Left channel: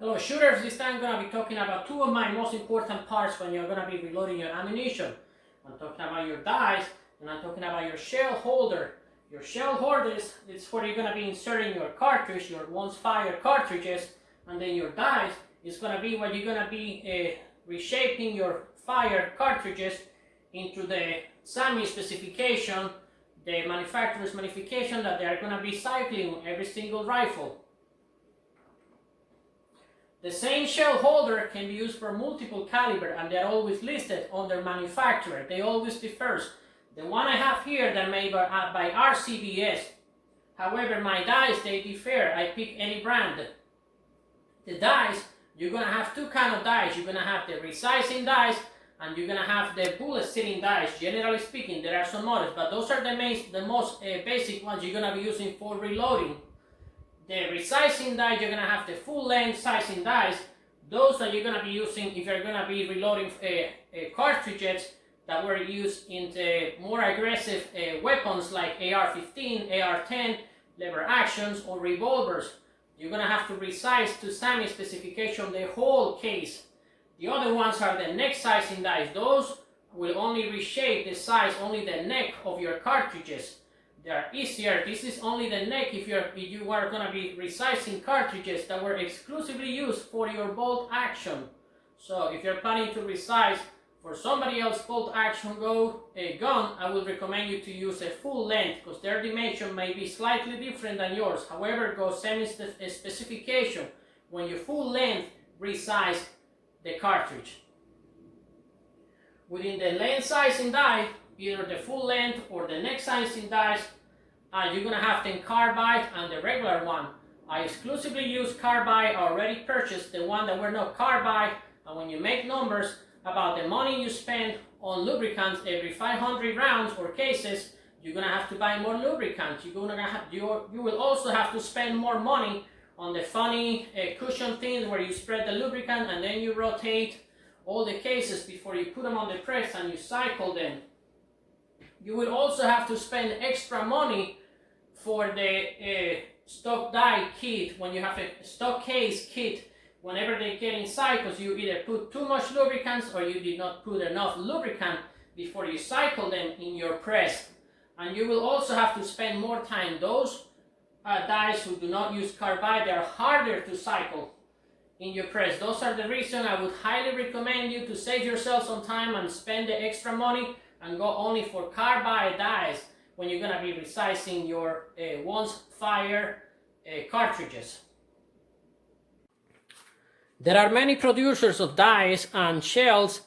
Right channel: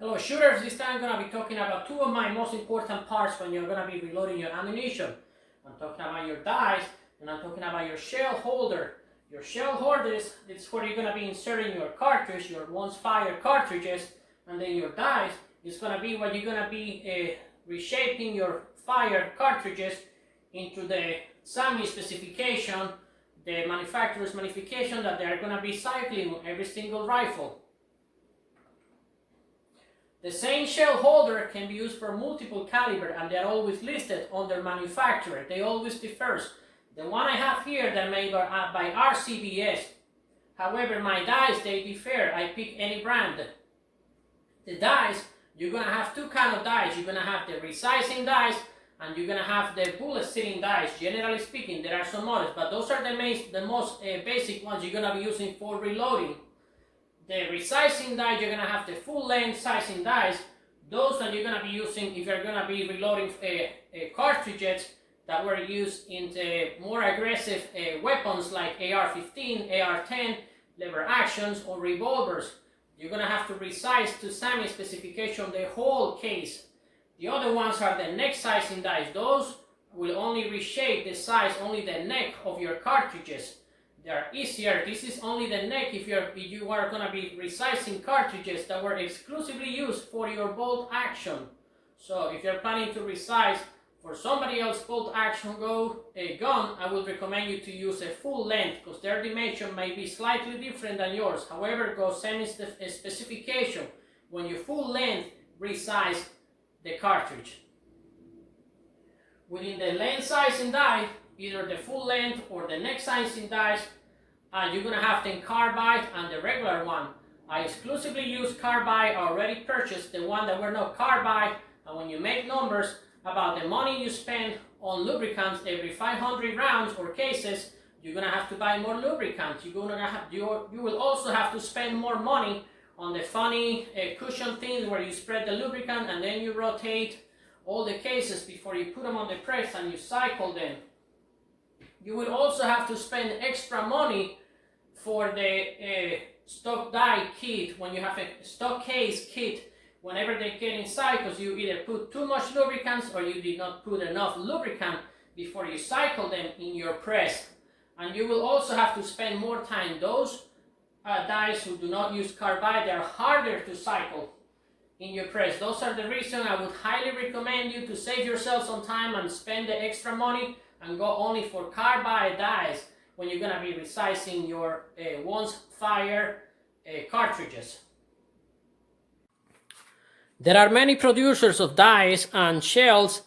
Hello shooters, this time I'm going to be talking about two of my most important parts when you're going to be reloading your ammunition. I'm talking about your dice and I'm talking about your shell holder. Your shell holder is where you're going to be inserting your cartridge, your once fired cartridges, and then your dice is going to be where you're going to be reshaping your fired cartridges into the SAMI specification, the manufacturer's modification that they are going to be cycling on every single rifle. The same shell holder can be used for multiple caliber and they are always listed on their manufacturer. They always differ. The one I have here, they're made by RCBS. However, my dice, they differ. I pick any brand. The dice, you're going to have two kind of dice. You're going to have the resizing dice and you're going to have the bullet sitting dice. Generally speaking, there are some others, but those are the most basic ones you're going to be using for reloading. The resizing dice, you're going to have the full length sizing dice. Those that you're going to be using if you're going to be reloading cartridges that were used in the more aggressive weapons like AR-15, AR-10, lever actions, or revolvers. You're going to have to resize to SAMI specification the whole case. The other ones are the neck sizing dice. Those will only reshape the size, only the neck of your cartridges. They are easier. This is only the neck if you are going to be resizing cartridges that were exclusively used for your bolt action. So if you're planning to resize for somebody else's bolt action gun, I would recommend you to use a full length because their dimension may be slightly different than yours. However, go SAMI specification when you full length resize the cartridge. Within the length sizing die, either the full length or the neck sizing dice, you're going to have the carbide and the regular one. I exclusively use carbide. I already purchased the one that were not carbide, and when you make numbers about the money you spend on lubricants every 500 rounds or cases, you're going to have to buy more lubricants. You will also have to spend more money on the funny cushion things where you spread the lubricant and then you rotate all the cases before you put them on the press and you cycle them. You will also have to spend extra money for the stock die kit when you have a stock case kit. Whenever they get in cycles, you either put too much lubricants or you did not put enough lubricant before you cycle them in your press. And you will also have to spend more time. Those dies who do not use carbide, they are harder to cycle in your press. Those are the reason I would highly recommend you to save yourself some time and spend the extra money and go only for carbide dies when you're going to be resizing your once fired cartridges. There are many producers of dies and shells,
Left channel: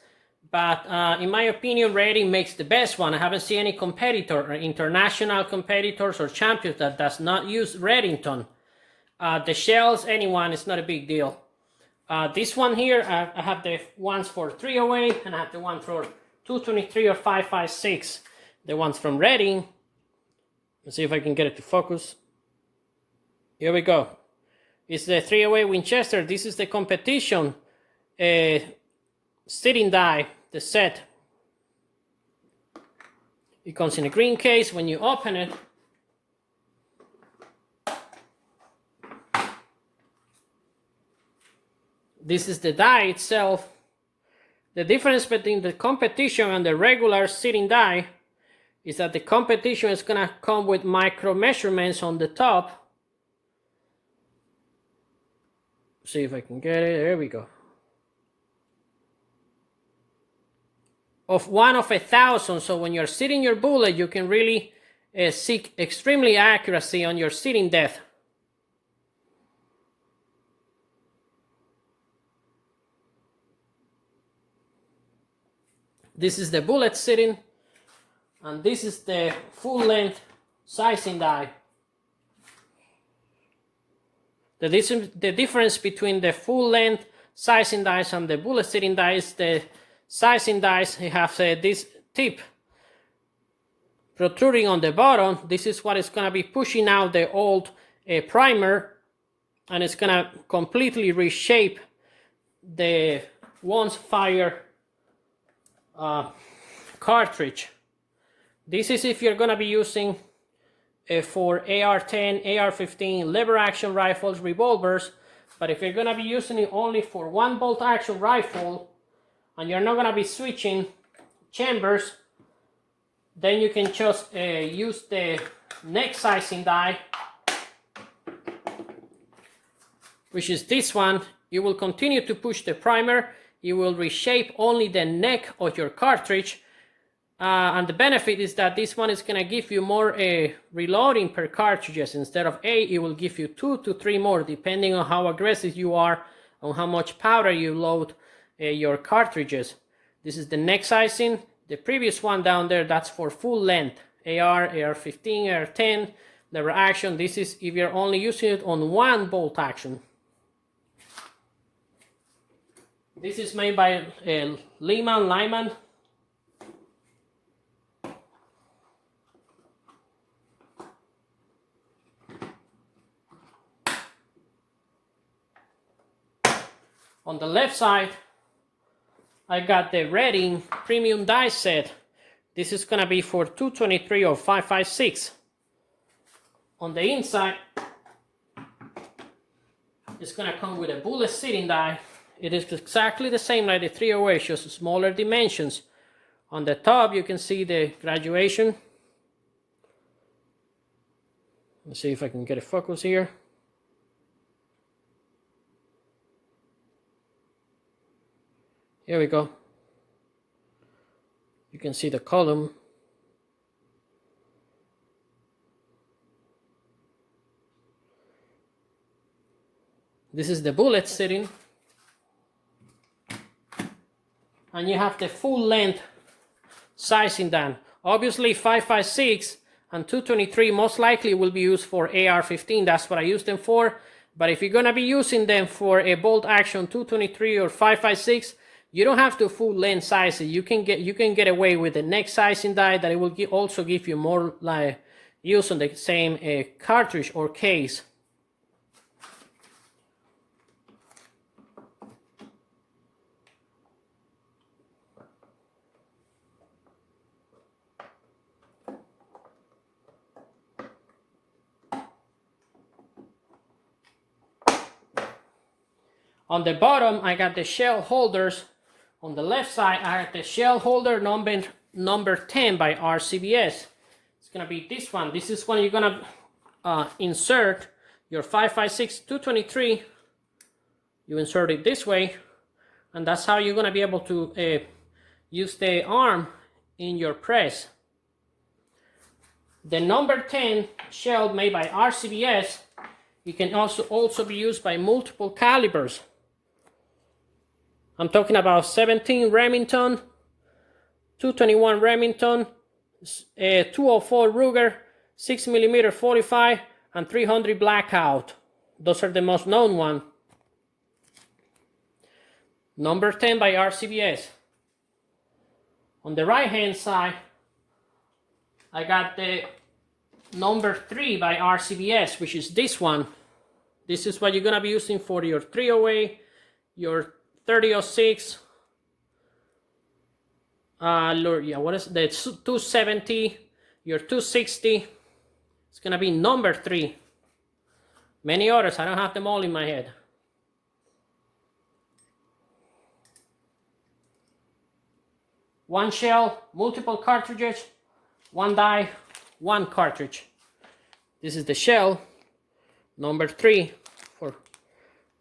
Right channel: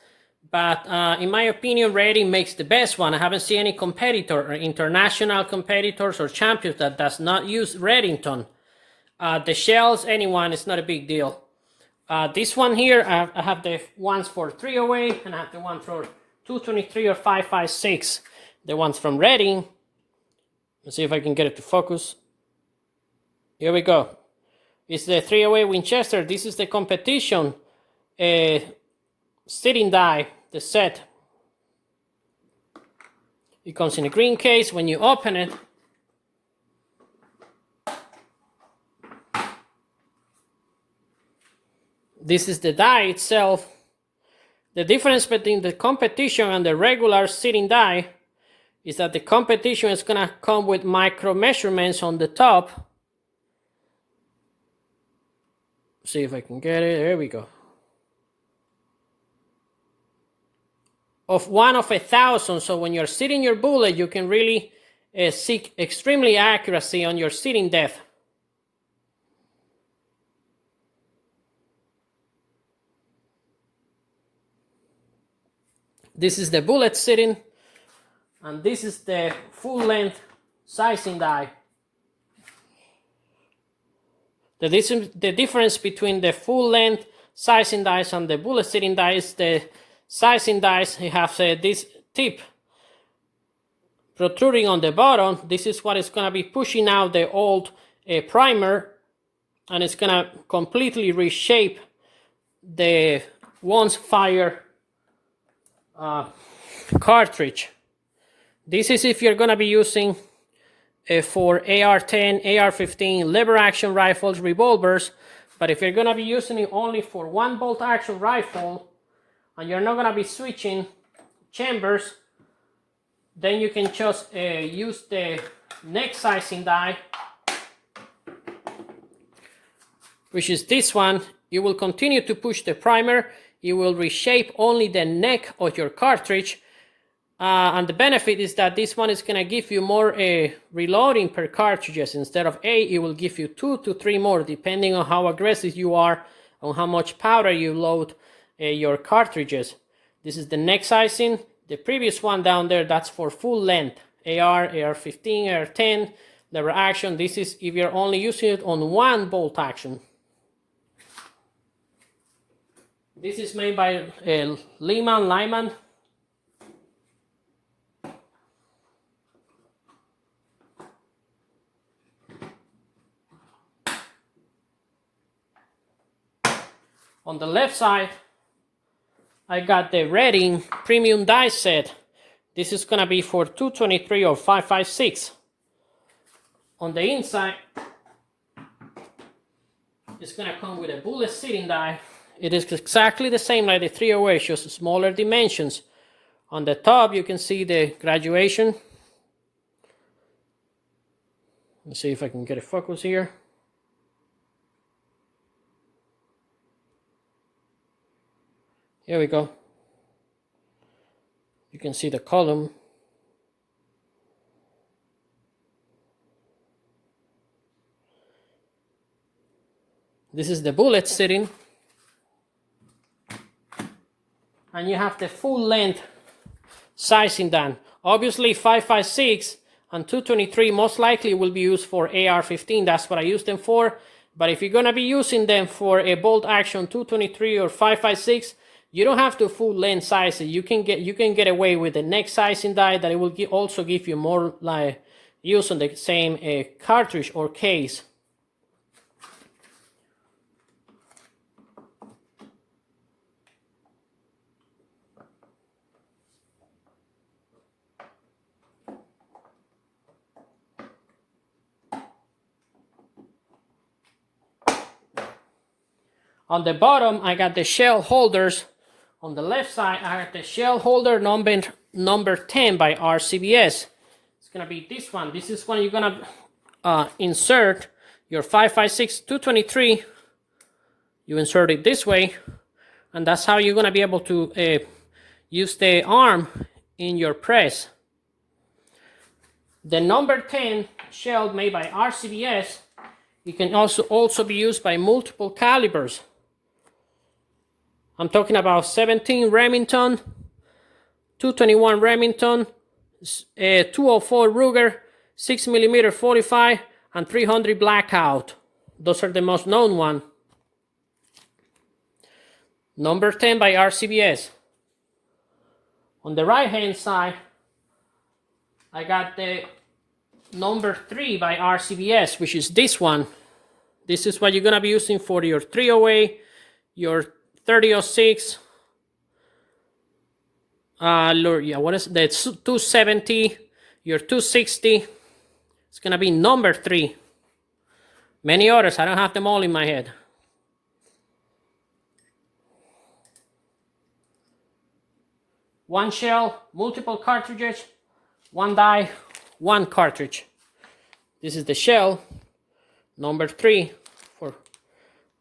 but in my opinion, Redding makes the best one. I haven't seen any competitor or international competitors or champions that does not use Reddington. The shells, anyone, it's not a big deal. This one here, I have the ones for 308 and I have the one for 223 or 5.56. The ones from Redding. Let's see if I can get it to focus. Here we go. It's the 308 Winchester. This is the competition sitting die, the set. It comes in a green case. When you open it, this is the die itself. The difference between the competition and the regular sitting die is that the competition is going to come with micro measurements on the top. See if I can get it. There we go. Of 1 of 1,000. So when you're sitting your bullet, you can really seek extremely accuracy on your sitting depth. This is the bullet sitting, and this is the full length sizing die. The difference between the full length sizing dice and the bullet sitting dice, the sizing dice have this tip protruding on the bottom. This is what is going to be pushing out the old primer, and it's going to completely reshape the once fired cartridge. This is if you're going to be using for AR-10, AR-15, lever action rifles, revolvers, but if you're gonna be using it only for one bolt action rifle and you're not gonna be switching chambers, then you can just use the neck sizing die, which is this one. You will continue to push the primer. You will reshape only the neck of your cartridge. And the benefit is that this one is going to give you more reloading per cartridges. Instead of 8, it will give you 2 to 3 more, depending on how aggressive you are, on how much powder you load your cartridges. This is the neck sizing. The previous one down there, that's for full length. AR, AR-15, AR-10, lever action. This is if you're only using it on one bolt action. This is made by Lyman. On the left side, I got the Redding Premium Die Set. This is gonna be for 223 or 5.56. On the inside, it's gonna come with a bullet seating die. It is exactly the same like the 308, just smaller dimensions. On the top, you can see the graduation. Let's see if I can get a focus here. Here we go. You can see the column. This is the bullet sitting. And you have the full length sizing done. Obviously 5.56 and 223 most likely will be used for AR-15. That's what I use them for. But if you're gonna be using them for a bolt action 223 or 5.56, you don't have to full length size it. You can get away with the neck sizing die that it will also give you more like use on the same cartridge or case. On the bottom, I got the shell holders. On the left side, I have the shell holder number 10 by RCBS. It's gonna be this one. This is when you're gonna insert your 5.56 223. You insert it this way, and that's how you're gonna be able to use the arm in your press. The number 10 shell made by RCBS, it can also be used by multiple calibers. I'm talking about 17 Remington, 221 Remington, 204 Ruger, 6mm 45, and 300 Blackout. Those are the most known ones. Number 10 by RCBS. On the right hand side, I got the number 3 by RCBS, which is this one. This is what you're gonna be using for your 308, your 3006, what is the 270, your 260. It's gonna be number 3. Many others, I don't have them all in my head. One shell, multiple cartridges, one die, one cartridge. This is the shell, number 3 for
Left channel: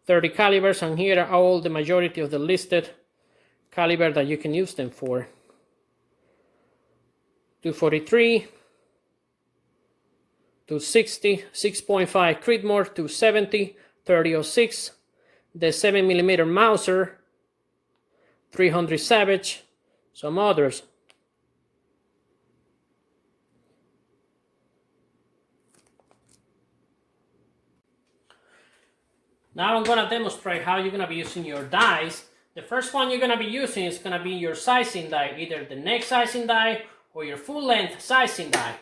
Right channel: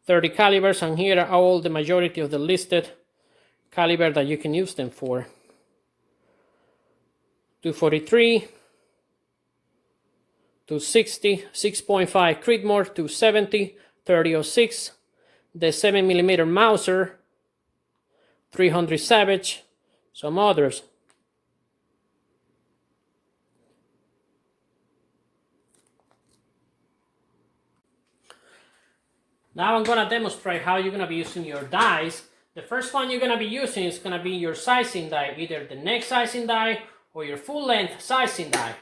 30 calibers, and here are all the majority of the listed caliber that you can use them for. 243, 260, 6.5 Creedmoor, 270, 3006, the 7mm Mauser, 300 Savage, some others. Now I'm gonna demonstrate how you're gonna be using your dies. The first one you're gonna be using is gonna be your sizing die, either the neck sizing die or your full length sizing die.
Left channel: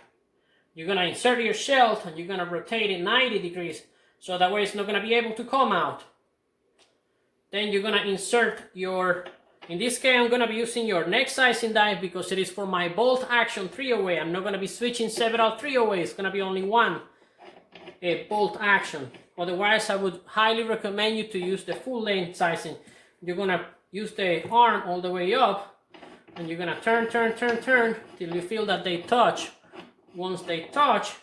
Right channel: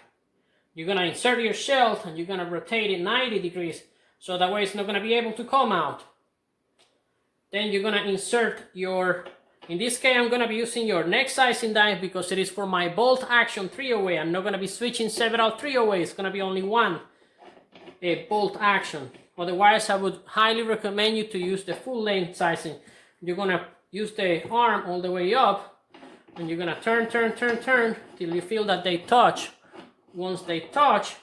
You're gonna insert your shell and you're gonna rotate it 90 degrees so that way it's not gonna be able to come out. Then you're gonna insert your, in this case I'm gonna be using your neck sizing die because it is for my bolt action 308. I'm not gonna be switching several 308, it's gonna be only one bolt action. Otherwise, I would highly recommend you to use the full length sizing. You're gonna use the arm all the way up, and you're gonna turn till you feel that they touch. Once they touch,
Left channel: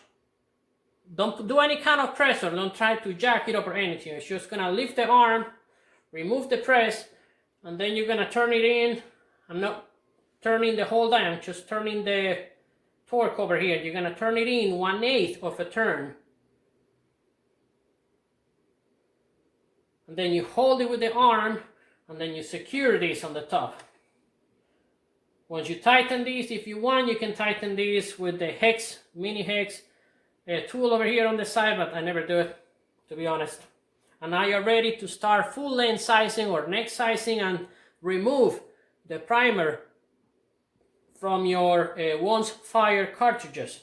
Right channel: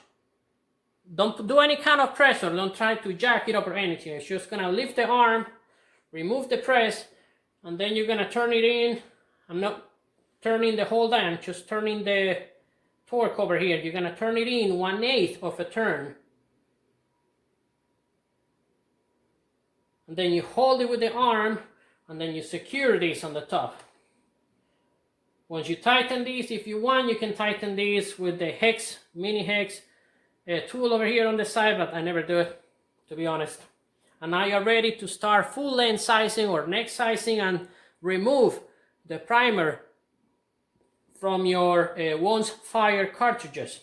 don't do any kind of pressure. Don't try to jack it up or anything. It's just gonna lift the arm, remove the press, and then you're gonna turn it in. I'm not turning the whole dial, just turning the torque over here. You're gonna turn it in 1/8 of a turn. And then you hold it with the arm, and then you secure this on the top. Once you tighten these, if you want, you can tighten these with the hex, mini hex tool over here on the side, but I never do it, to be honest. And now you're ready to start full length sizing or neck sizing and remove the primer from your once fired cartridges.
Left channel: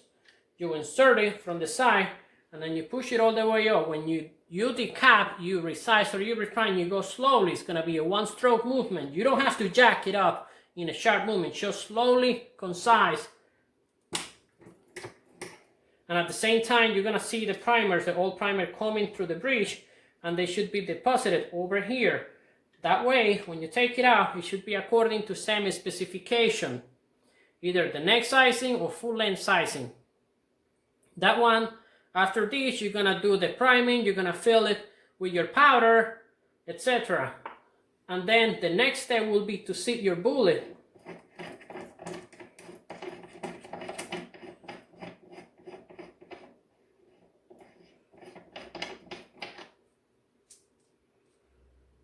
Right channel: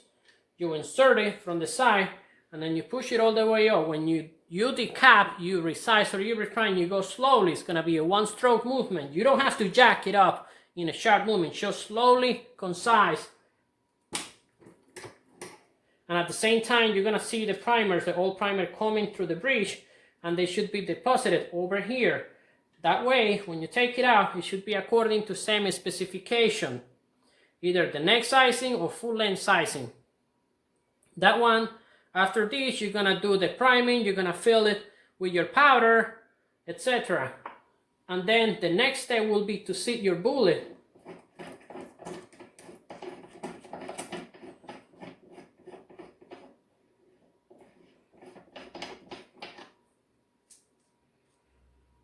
You insert it from the side, and then you push it all the way up. When you decap, you resize or you recline, you go slowly. It's going to be a one-stroke movement. You don't have to jack it up in a sharp movement. Just slowly, concise. And at the same time, you're going to see the primers, the old primer coming through the breech, and they should be deposited over here. That way, when you take it out, it should be according to same specification. Either the neck sizing or full length sizing. That one, after this, you're gonna do the priming, you're gonna fill it with your powder, etc. And then the next step will be to seat your bullet.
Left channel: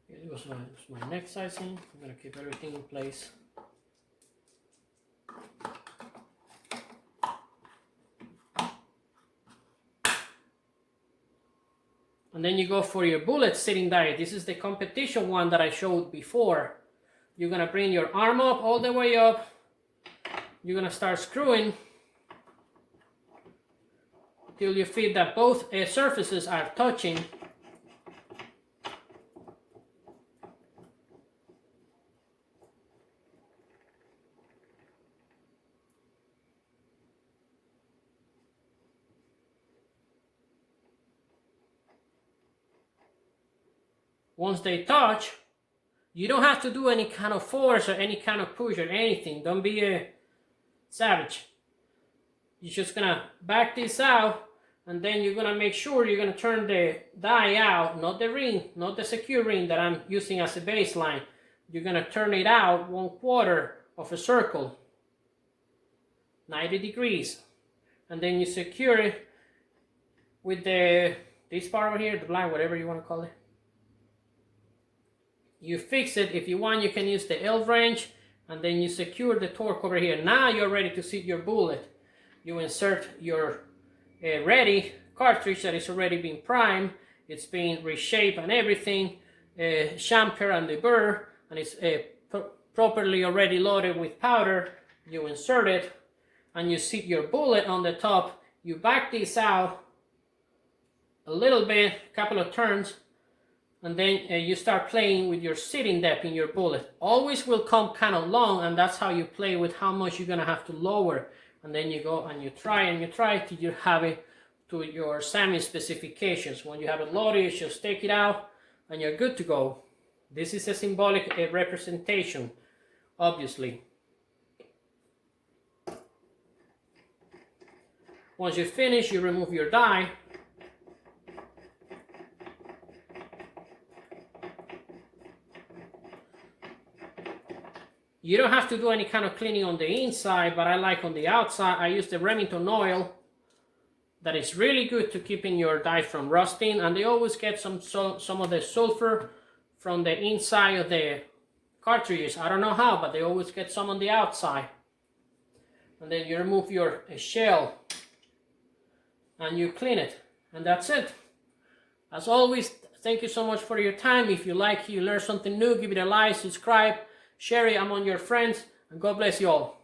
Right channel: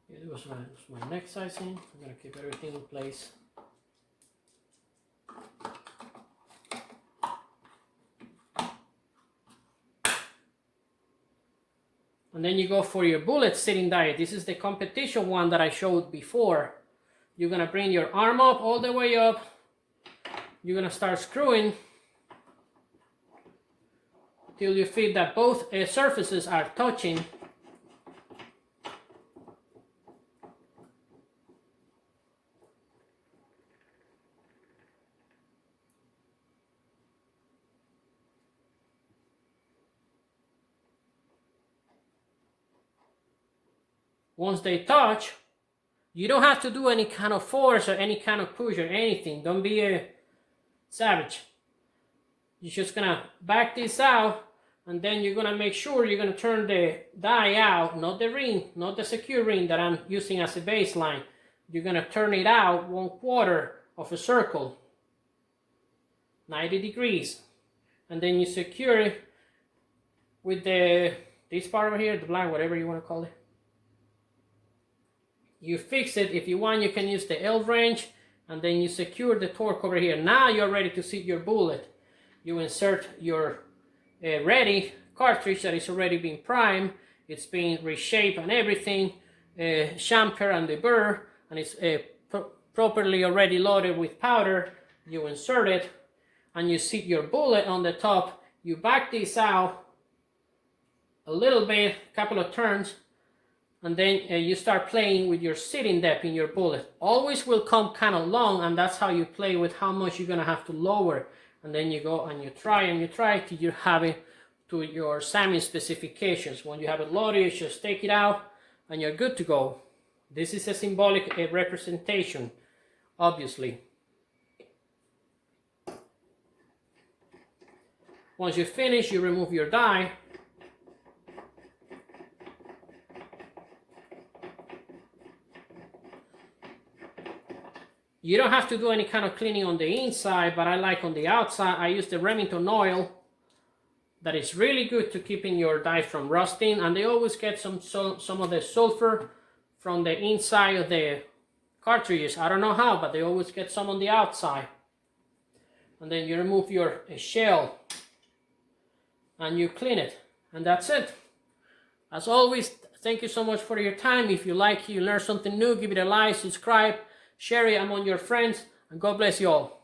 It was my neck sizing. I'm gonna keep everything in place. And then you go for your bullet sitting die. This is the competition one that I showed before. You're gonna bring your arm up, all the way up. You're gonna start screwing till you feel that both surfaces are touching. Once they touch, you don't have to do any kind of force or any kind of push or anything. Don't be a savage. You're just gonna back this out, and then you're gonna make sure you're gonna turn the die out, not the ring, not the secure ring that I'm using as a baseline. You're gonna turn it out 1/4 of a circle, 90 degrees, and then you secure it with this part over here, the blind, whatever you want to call it. You fix it. If you want, you can use the L wrench, and then you secure the torque over here. Now you're ready to seat your bullet. You insert your ready cartridge that is already been primed. It's been reshaped and everything, chamfer and the burr, and it's properly already loaded with powder. You insert it, and you seat your bullet on the top. You back this out a little bit, a couple of turns, and then you start playing with your sitting depth in your bullet. Always will come kind of long, and that's how you play with how much you're gonna have to lower. And then you go and you try till you have it to your SAMI specifications. When you have it loaded, you just take it out and you're good to go. This is a symbolic representation, obviously. Once you finish, you remove your die. You don't have to do any kind of cleaning on the inside, but I like on the outside. I use the Remington oil. That is really good to keeping your die from rusting, and they always get some of the sulfur from the inside of the cartridges. I don't know how, but they always get some on the outside. And then you remove your shell and you clean it, and that's it. As always, thank you so much for your time. If you like, you learn something new, give it a like, subscribe, share it among your friends, and God bless you all.